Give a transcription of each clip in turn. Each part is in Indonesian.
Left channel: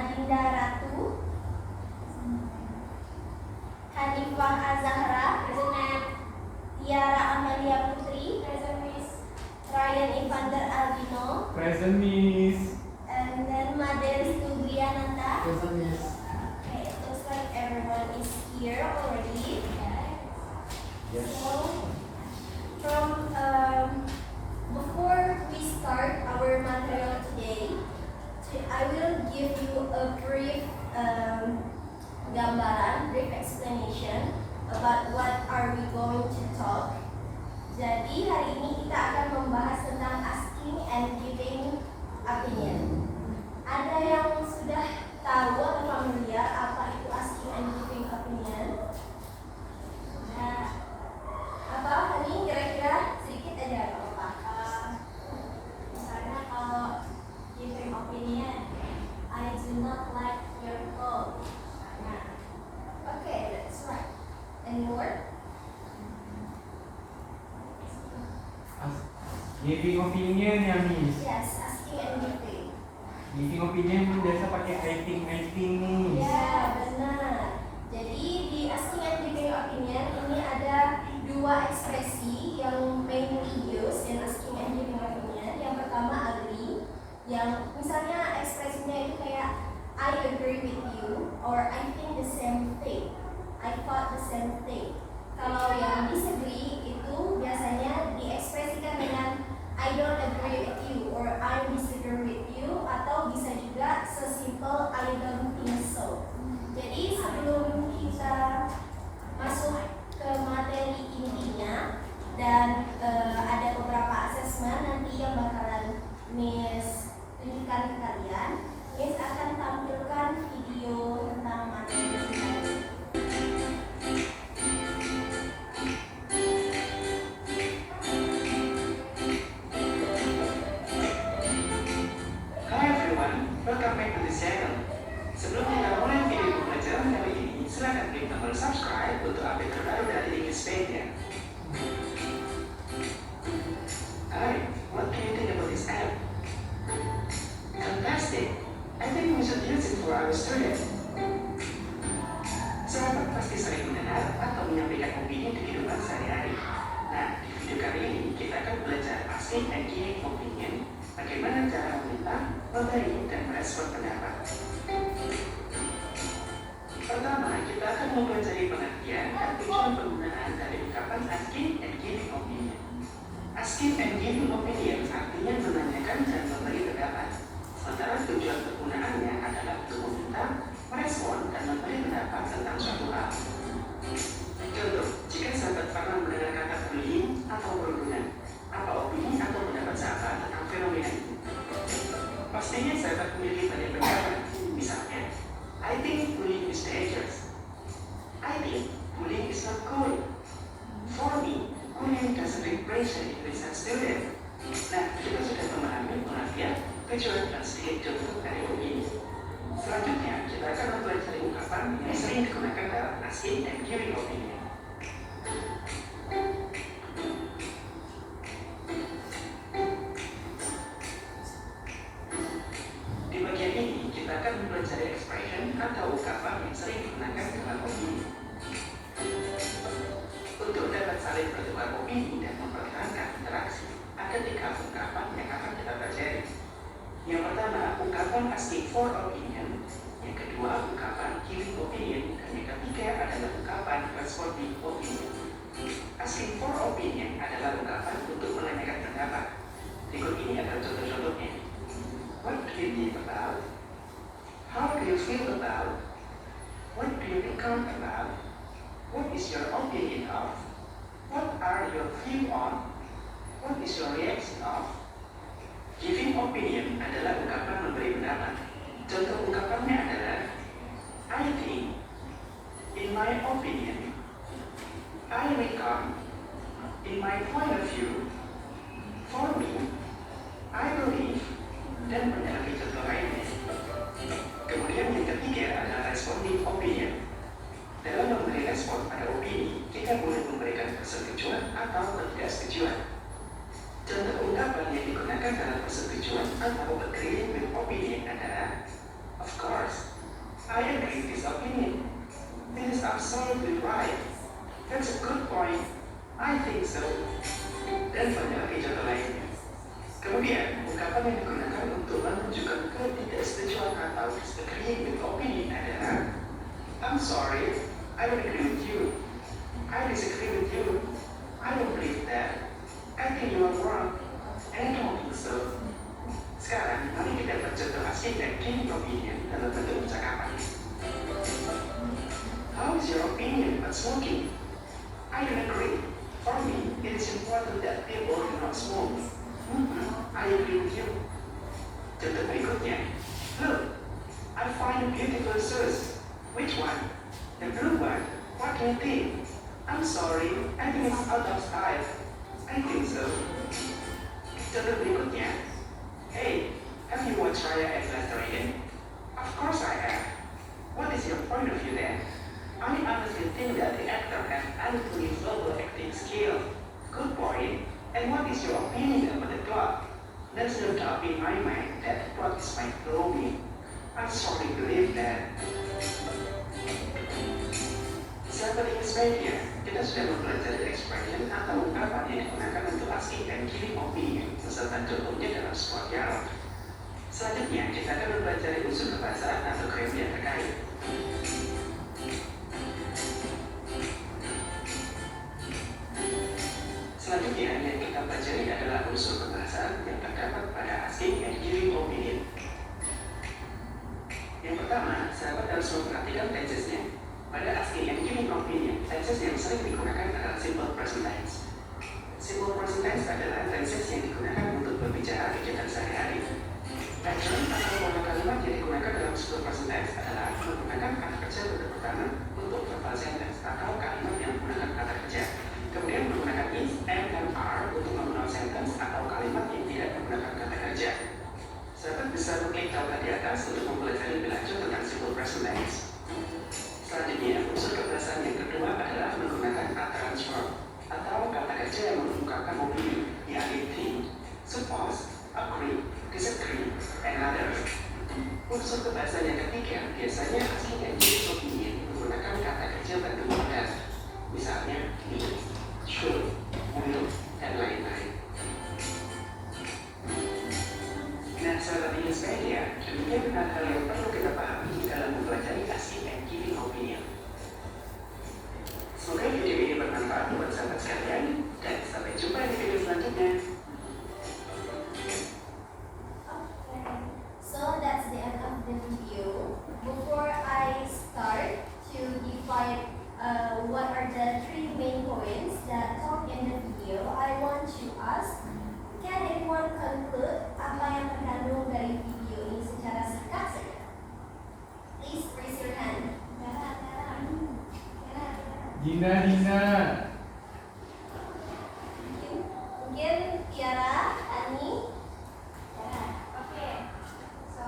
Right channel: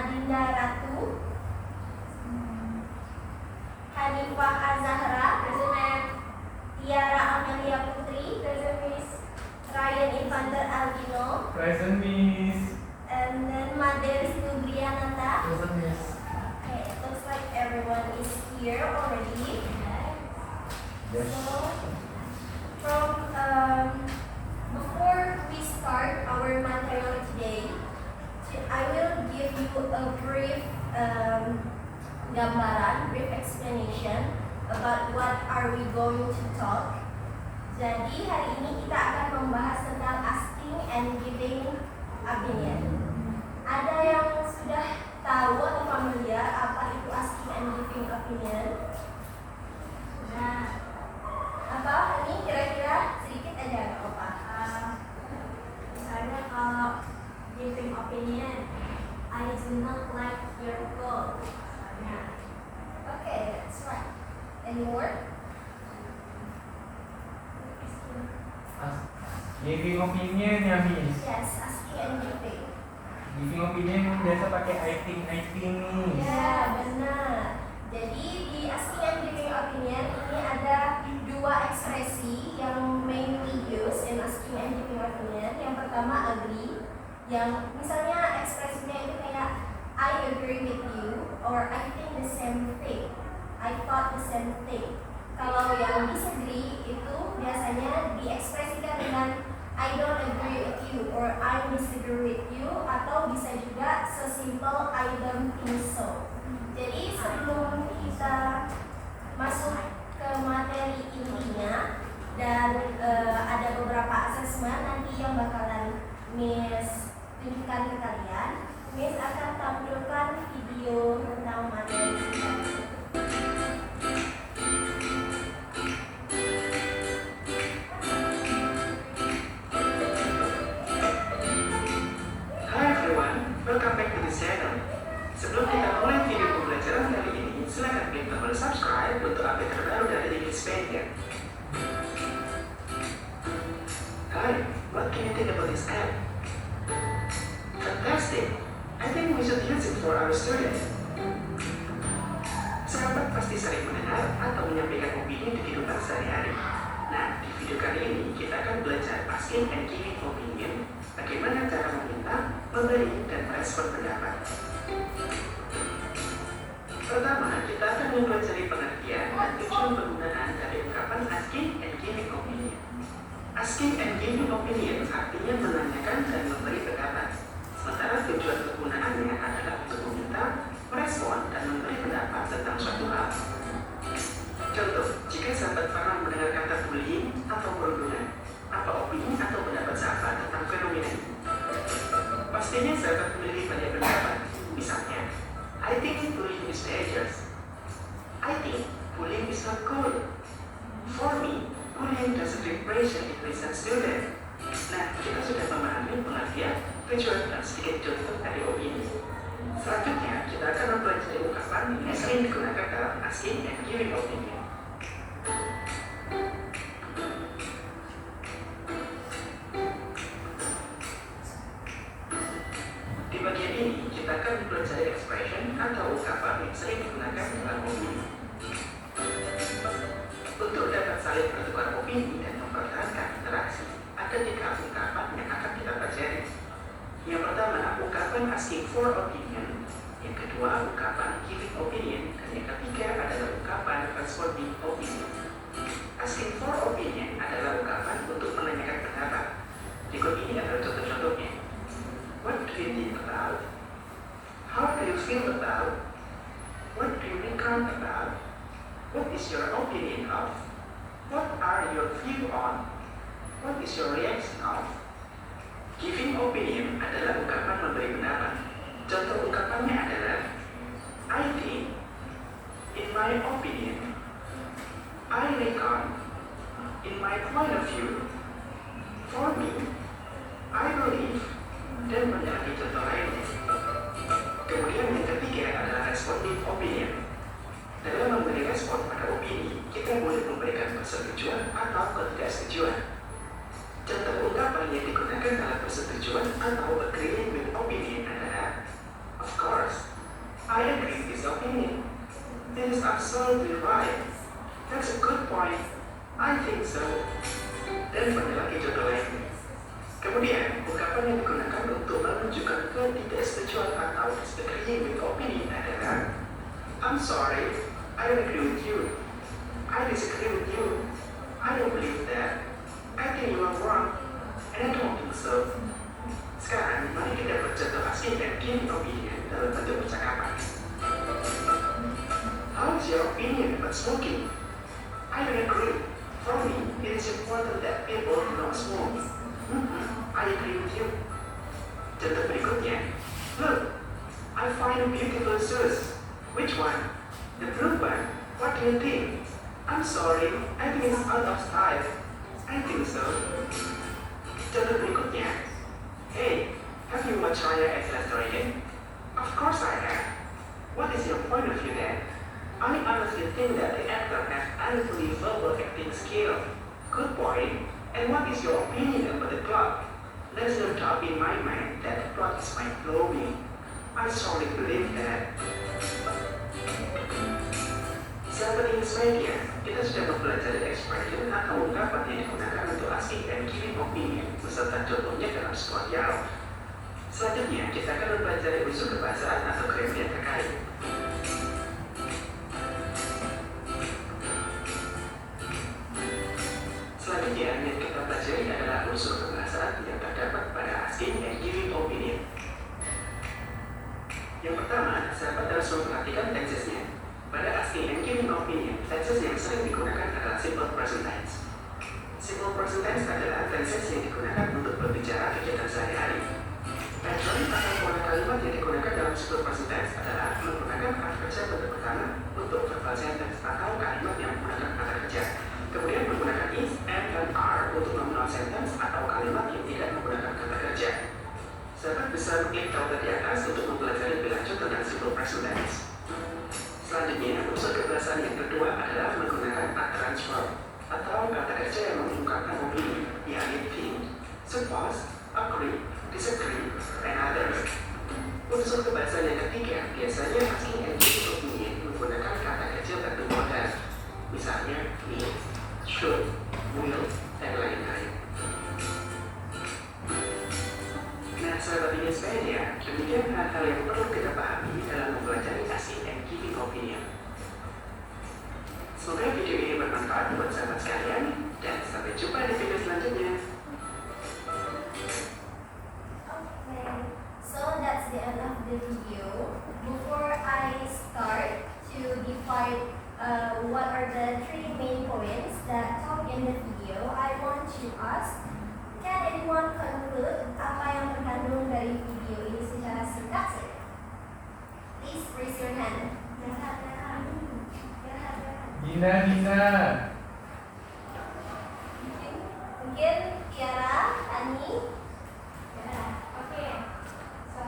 Adinda Ratu, Hanifah Azahra, Tiara Amelia Putri, Ryan Infanter Aldino, Present, Miss. and then Maderis Nubriananta. Present, Miss. Okay, it looks like everyone is here already. Yes. So, before we start our material today, I will give you a brief gambaran, brief explanation about what are we going to talk. Jadi hari ini kita akan membahas tentang asking and giving opinion. Ada yang sudah tahu atau familiar apa itu asking and giving opinion? Nah, apa ini kira-kira sedikit aja kalau paham. Misalnya kalau giving opinion, I do not like your clothes. Nah, okay, that's right. Any more? Giving opinion ya, Miss. Yes, asking and giving. Giving opinion biasa pakai I think, Miss. Ya, benar. Jadi di asking and giving opinion ini ada dua ekspresi yang mainly used in asking and giving opinion. Yang pertama agree, yang misalnya ekspresinya itu kayak I agree with you or I think the same thing, I thought the same thing. Kalau yang disagree itu biasanya diekspresikan dengan I don't agree with you or I disagree with you, atau bisa juga sesimpel I don't think so. Jadi sebelum kita masuk ke materi intinya dan ada beberapa asesmen nanti yang bakalan Miss tunjukkan ke kalian, Miss akan tampilkan video tentang materi kita. Welcome back to the channel. Sebelum kita mulai video pembelajaran kali ini, silakan klik tombol subscribe untuk update terbaru dari Wikipedia. Hi, what can you think about this app? Fantastic! I think we should use it for our students. Sahabat pasti sering mendengar atau menyampaikan opini di kehidupan sehari-hari. Nah, di video kali ini kita akan belajar asking and giving opinion, bagaimana cara meminta, memberi, dan merespon pendapat. Pertama, kita akan mempelajari pengertian dan tujuan penggunaan dari ungkapan asking and giving opinion. Asking and giving opinion artinya menanyakan dan memberi pendapat. Sementara tujuan penggunaannya adalah untuk meminta, merespon, dan memberi pendapat tentang suatu hal. Contoh, jika sahabat pernah mendengar kata bullying atau perundungan, apa opini atau pendapat sahabat tentang fenomena itu? Pastinya sahabat memiliki banyak pendapat. Misalnya, I think bullying is dangerous. I think bullying is not good. For me, bullying doesn't bring pressure in a student. Nah, kita sudah memahami pengertian, tujuan, dan sedikit contoh dari opini. Selanjutnya, kita akan mempelajari ungkapan yang sering digunakan dalam asking and giving opinion. Di bagian ini, kita akan mempelajari expression atau ungkapan yang sering digunakan dalam opini. Untuk dapat saling bertukar opini dan mempertahankan interaksi, ada 3 ungkapan yang akan kita pelajari. Yang pertama, ungkapan asking for opinion. Yang kedua, ungkapan giving opinion. Dan yang ketiga adalah ungkapan responding opinion. Asking for opinion adalah ungkapan untuk menanyakan pendapat. Berikut ini adalah contoh-contohnya. What do you think about? How do you feel about? What do you think about? What is your opinion of? What are your view on? What is your reaction of? Giving opinion adalah ungkapan memberi pendapat. Contoh ungkapannya adalah I think, in my opinion, I reckon, in my point of view, for me, I believe, dan banyak lagi contoh lainnya. Kemudian yang ketiga adalah responding opinion. Dalam memberi respon pada opini, kita boleh memberikan persetujuan atau ketidaksetujuan. Contoh ungkapan yang digunakan dalam persetujuan atau agreeing with opinion adalah of course, This is absolutely right. That's a good point. I think so. Dan banyak lagi contoh lainnya. Kemudian, ungkapan yang digunakan untuk menunjukkan ketidaksetujuan atau disagreeing with opinion adalah I'm sorry, I don't agree with you. I disagree with you. I don't believe that. I think you are wrong. And I don't think so. Sekarang, mari kita bercontoh asing dan giving opinion dalam bentuk percakapan. How is your opinion about smoking? I don't agree. For me, it is important that people do not smoke. I agree with you. Contoh berikutnya. Look, I find beautiful shoes. Which one? The blue one. What do you think? I'm sorry, I think it's out of style. I think so. Contoh berikutnya. Hey, have you watched Raya at Last Rating? Of course I have. What is your point of view then? I honestly think that the actor has unbelievable acting skill. Good point. And what is your opinion about the plot? There's no doubt in my mind that the plot is mind-blowing. I strongly believe that. Sahabat Insmedia, kita sudah mempelajari expression atau ungkapan yang digunakan untuk asking dan giving opinion beserta contohnya dalam sebuah dialog. Selanjutnya, kita akan mempelajari unsur kebahasaan atau grammar yang terkait. Selanjutnya, yang kita pelajari adalah unsur kebahasaan yang terdapat pada asking and giving opinion. Yang pertama, sahabat harus memperhatikan tensesnya. Pada asking and giving opinion, tenses yang sering digunakan adalah simple present tense. Simple present tense adalah tenses yang digunakan untuk berbicara kegiatan sehari-hari. Pattern atau pola kalimat yang digunakan dalam simple present tense adalah menggunakan kata kerja bentuk pertama untuk verbal sentence atau kalimat yang menggunakan kata kerja. Kemudian menggunakan is, and, dan are untuk nominal sentence atau kalimat yang tidak menggunakan kata kerja. Sahabat bisa mengklik tabel di atas untuk mempelajari lebih lanjut tentang simple present tense. Selanjutnya, unsur kebahasaan yang kedua adalah menggunakan utterance verb atau kata kerja yang mengungkapkan opini, yakni think, suppose, agree, disagree, and others. Unsur kebahasaan yang ketiga biasanya asking and giving opinion menggunakan kata kerja bentuk modal, misalnya will, should, will, dan lain-lain. Nah, sahabat Insmedia, demikian hal-hal yang perlu kita pahami dalam mempelajari asking and giving opinion. Semoga video ini bermanfaat buat sahabat sekalian, dan sampai jumpa di video selanjutnya. Okay, so that's the end of the video. Before I start to define what are the three main points that talk in the video, I want to ask, can anyone conclude apa yang terkandung dari video ini secara singkat? Please raise your hand. Dina. Mungkin Tiara, Ani. Ya, oke. So,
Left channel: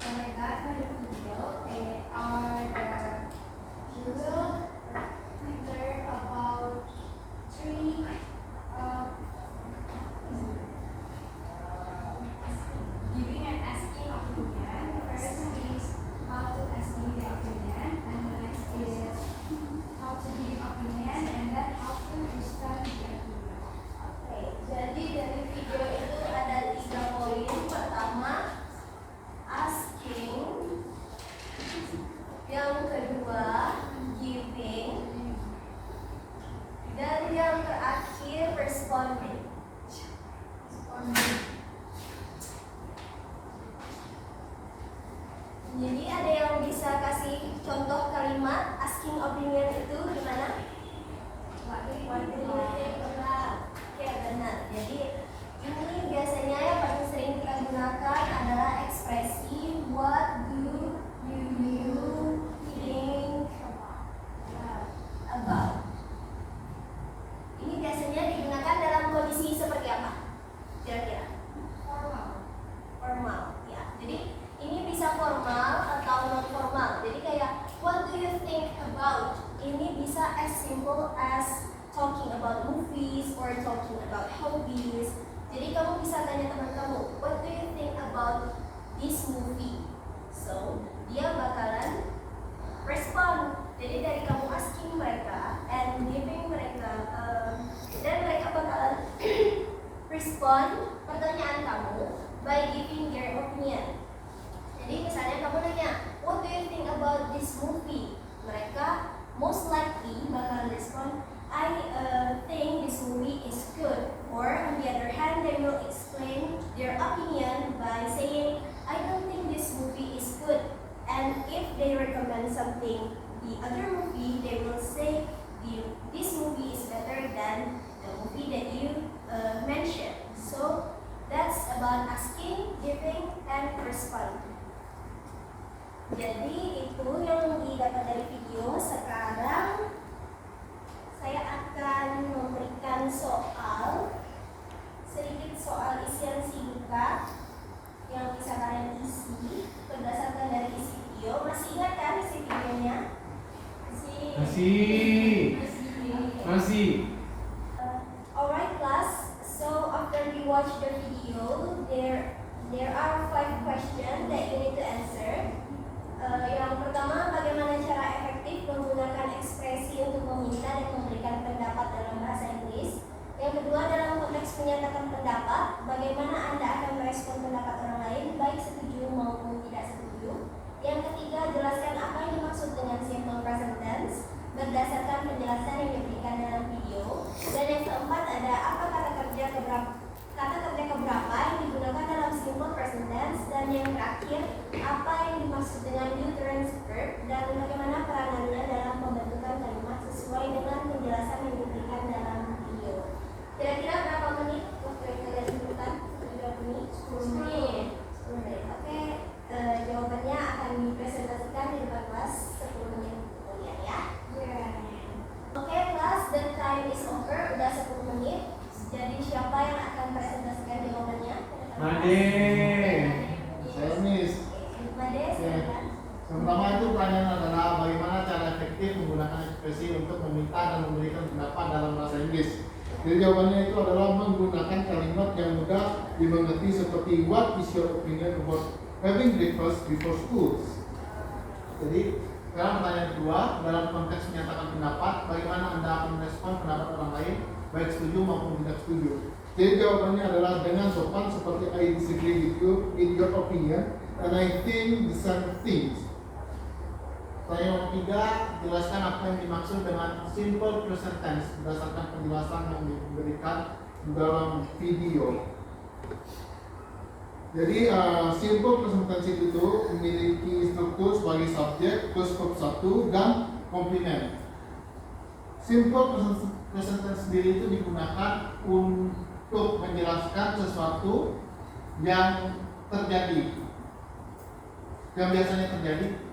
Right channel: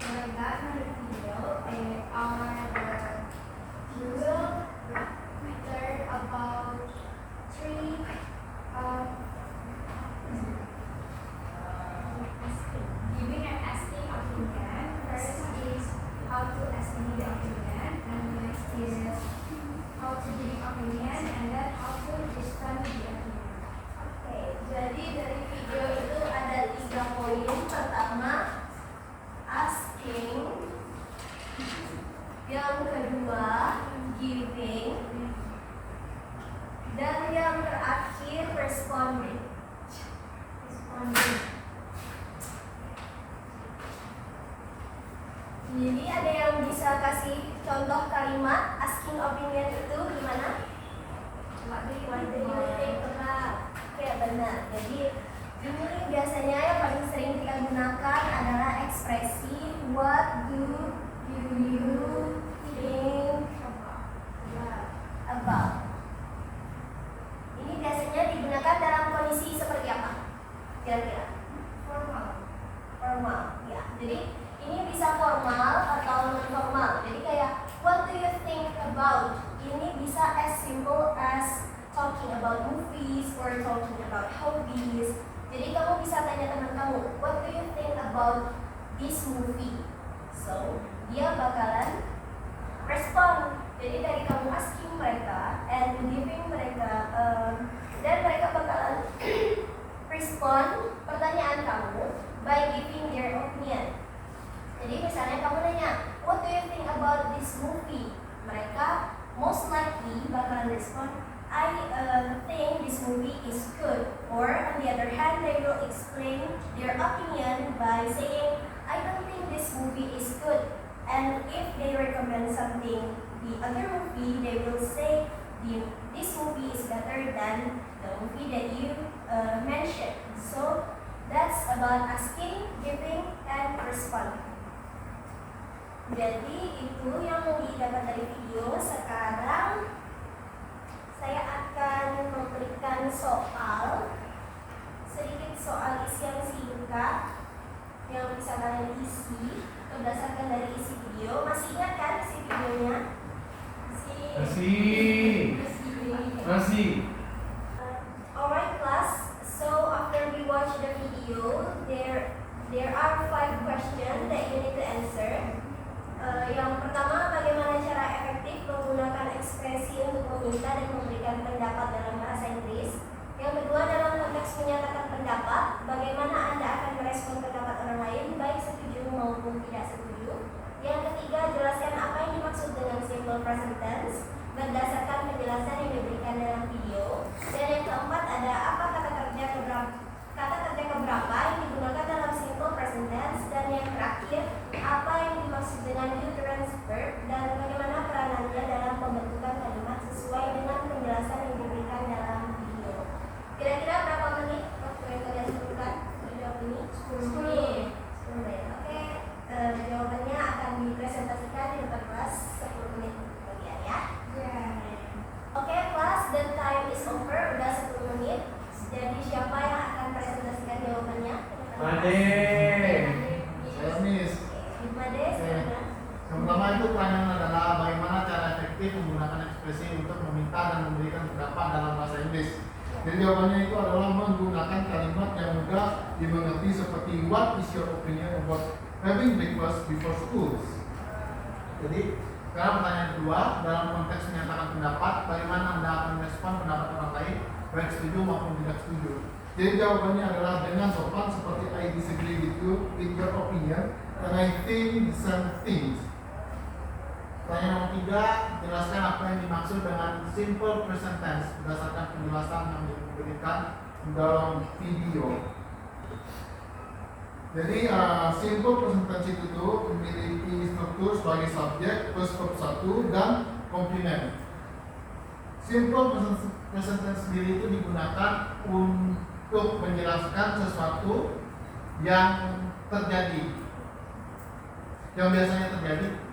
when I got my video, they are you will learn about three giving and asking opinion. First is how to asking the opinion, and next is how to give opinion, and then how to respond to the opinion. Oke, jadi dari video itu ada 3 poin. Pertama, asking. Yang kedua, giving. Dan yang terakhir, responding. Jadi ada yang bisa kasih contoh kalimat asking opinion itu gimana? Oke, benar. Jadi ini biasanya yang paling sering kita gunakan adalah ekspresi what do you think about. Ini biasanya digunakan dalam kondisi seperti apa? Kira-kira? Formal. Ya. Jadi ini bisa formal atau non formal. Jadi kayak what do you think about? Ini bisa as simple as talking about movies or talking about hobbies. Jadi kamu bisa tanya teman kamu, what do you think about this movie? So dia bakalan respon. Jadi dari kamu asking mereka and giving mereka dan mereka bakalan respon pertanyaan kamu by giving their opinion. Jadi misalnya kamu nanya, what do you think about this movie? Mereka most likely bakalan respon, I think this movie is good. Or on the other hand, they will explain their opinion by saying, I don't think this movie is good. And if they recommend something, the other movie, they will say, this movie is better than the movie that you mentioned. So that's about asking, giving, and responding. Jadi itu yang didapat dari video. Sekarang saya akan memberikan sedikit soal isian SIBUK yang bisa kalian isi berdasarkan dari isi video. Masih ingat kan isi videonya? Masih. Alright class, so after we watch the video, there are 5 questions that you need to answer. Yang pertama, bagaimana cara efektif menggunakan ekspresi untuk meminta dan memberikan pendapat dalam bahasa Inggris. Yang kedua, dalam konteks menyatakan pendapat, bagaimana Anda akan merespon pendapat orang lain, baik setuju maupun tidak setuju. Yang ketiga, jelaskan apa yang dimaksud dengan simple present tense berdasarkan penjelasan yang diberikan dalam video. Dan yang keempat, ada apa kata kerja keberapa yang digunakan dalam simple present tense. Dan yang terakhir, apa yang dimaksud dengan uterine verb dan bagaimana peranannya dalam pembentukan kalimat sesuai dengan penjelasan yang diberikan dalam video. Kira-kira berapa menit waktu yang kalian butuhkan untuk jawab ini? 10 menit. 10 menit. Oke, jawabannya akan dipresentasikan di depan kelas 10 menit kemudian ya. Oke, kelas, the time is over. Udah 10 menit. Jadi siapa yang akan presentasikan jawabannya? Made. Saya Miss. Made, silakan. Yang pertama itu pertanyaan adalah bagaimana cara efektif menggunakan ekspresi untuk meminta dan memberikan pendapat dalam bahasa Inggris. Jadi jawabannya itu adalah menggunakan kalimat yang mudah dimengerti seperti what is your opinion about having breakfast before school. Jadi sekarang pertanyaan kedua, dalam konteks menyatakan pendapat, bagaimana Anda akan merespon pendapat orang lain, baik setuju maupun tidak setuju. Jadi jawabannya adalah dengan sopan seperti I disagree with you in your opinion and I think the same things. Pertanyaan ketiga, jelaskan apa yang dimaksud dengan simple present tense berdasarkan penjelasan yang diberikan dalam video. Jadi simple present tense itu memiliki struktur sebagai subjek plus verb 1 dan komplement. Simple present tense sendiri itu digunakan untuk menjelaskan sesuatu yang terjadi, yang biasanya terjadi.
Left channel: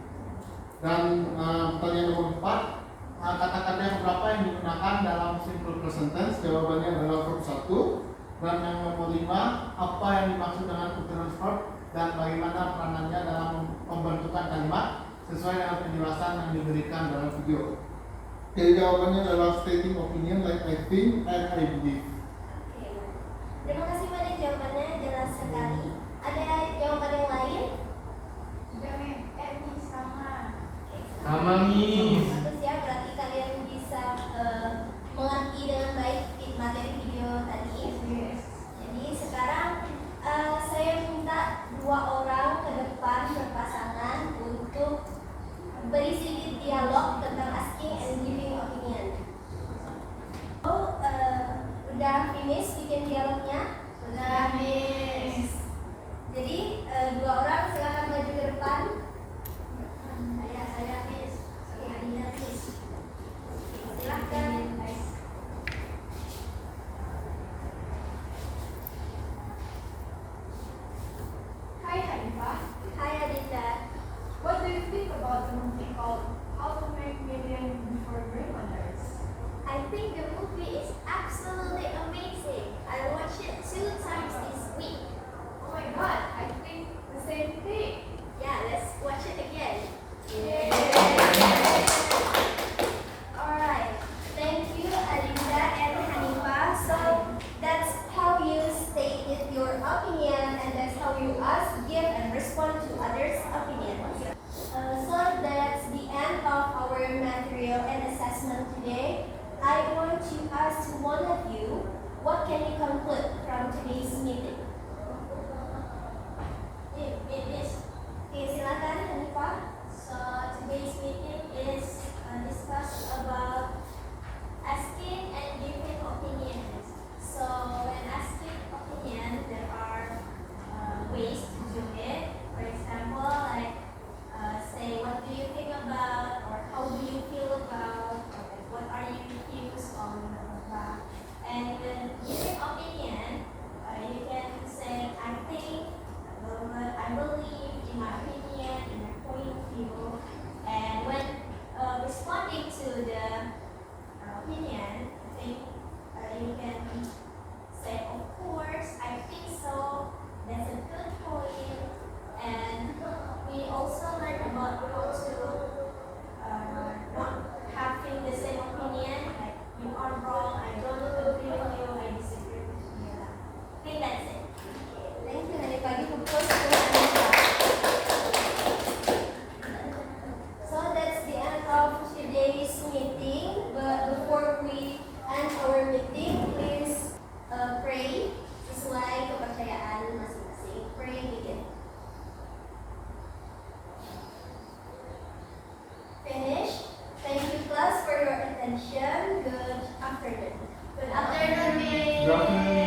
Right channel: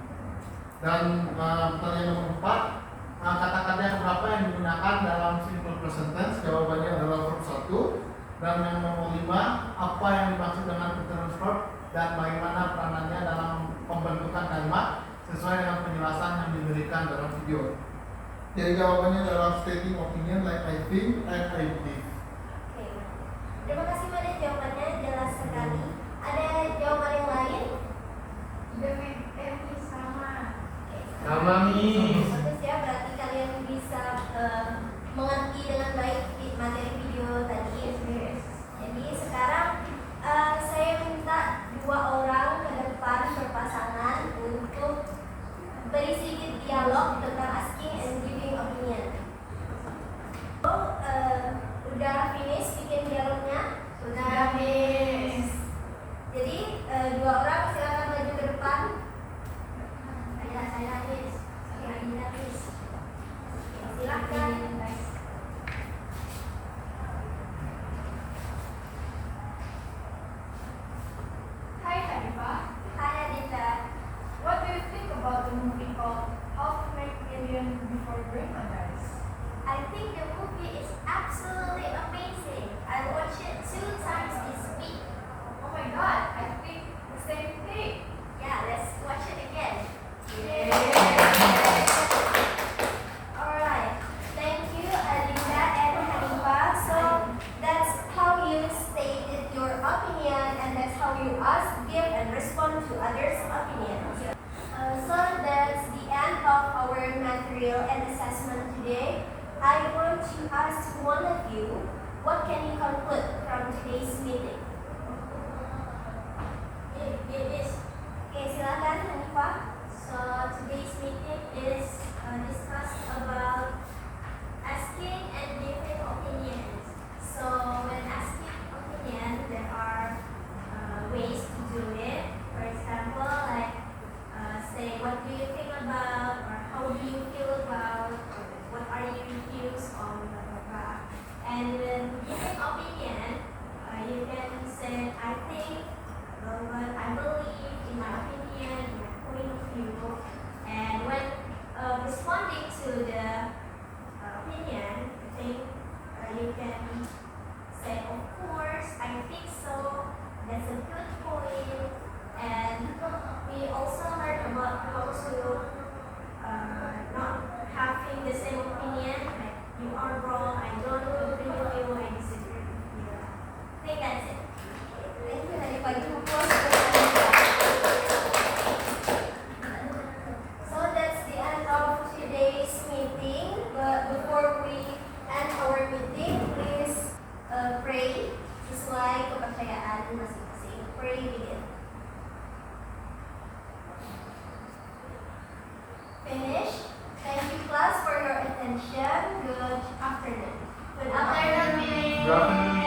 Dan pertanyaan nomor 4, kata-kata berapa yang digunakan dalam simple present tense? Jawabannya adalah verb 1. Dan yang nomor 5, apa yang dimaksud dengan uterine verb dan bagaimana peranannya dalam pembentukan kalimat sesuai dengan penjelasan yang diberikan dalam video. Jadi jawabannya adalah stating opinion like I think and I believe. Oke, terima kasih pada jawabannya, jelas sekali. Ada jawaban yang lain? Sama Miss. Bagus ya, berarti kalian bisa mengerti dengan baik materi video tadi. Jadi sekarang saya minta 2 orang ke depan berpasangan untuk beri sedikit dialog tentang asking and giving opinion. Udah finish bikin dialognya? Udah finish. Jadi 2 orang silakan maju ke depan. Saya habis. Silakan. Hi Hanifah, Hai Adita. what do you think about the movie called How to Make Million Before Grandma Dies? I think the movie is absolutely amazing. I watched it 2 times this week. Oh my god, I think the same thing. Yeah, let's watch it again. Yay! Alright. Thank you Adita and Hanifah. So that's how you stated your opinion and that's how you ask, give and respond to others' opinions. one of you, what can you conclude from today's meeting? Okay, silakan Hanifah. So today's meeting is discussed about asking and giving opinions. So when asking opinion, there are ways to do it. For example, like say, what do you think about, or how do you feel about, or what are your views on, blah, blah, blah. And when giving opinion, you can say, I think, I believe, in my opinion, in my point of view. And when responding to the opinion, I think you can say, of course, I think so, that's a good point. And we also learn about how to not having the same opinion, like you are wrong, I don't agree with you, I disagree with you. I think that's it. Thank you Hanifah. Give applause for So that's the end of today's meeting. But before we end our meeting, please pray sesuai kepercayaan masing-masing. Pray begin. Finish. Thank you class for your attention. Good afternoon. Good afternoon, Miss. Good afternoon.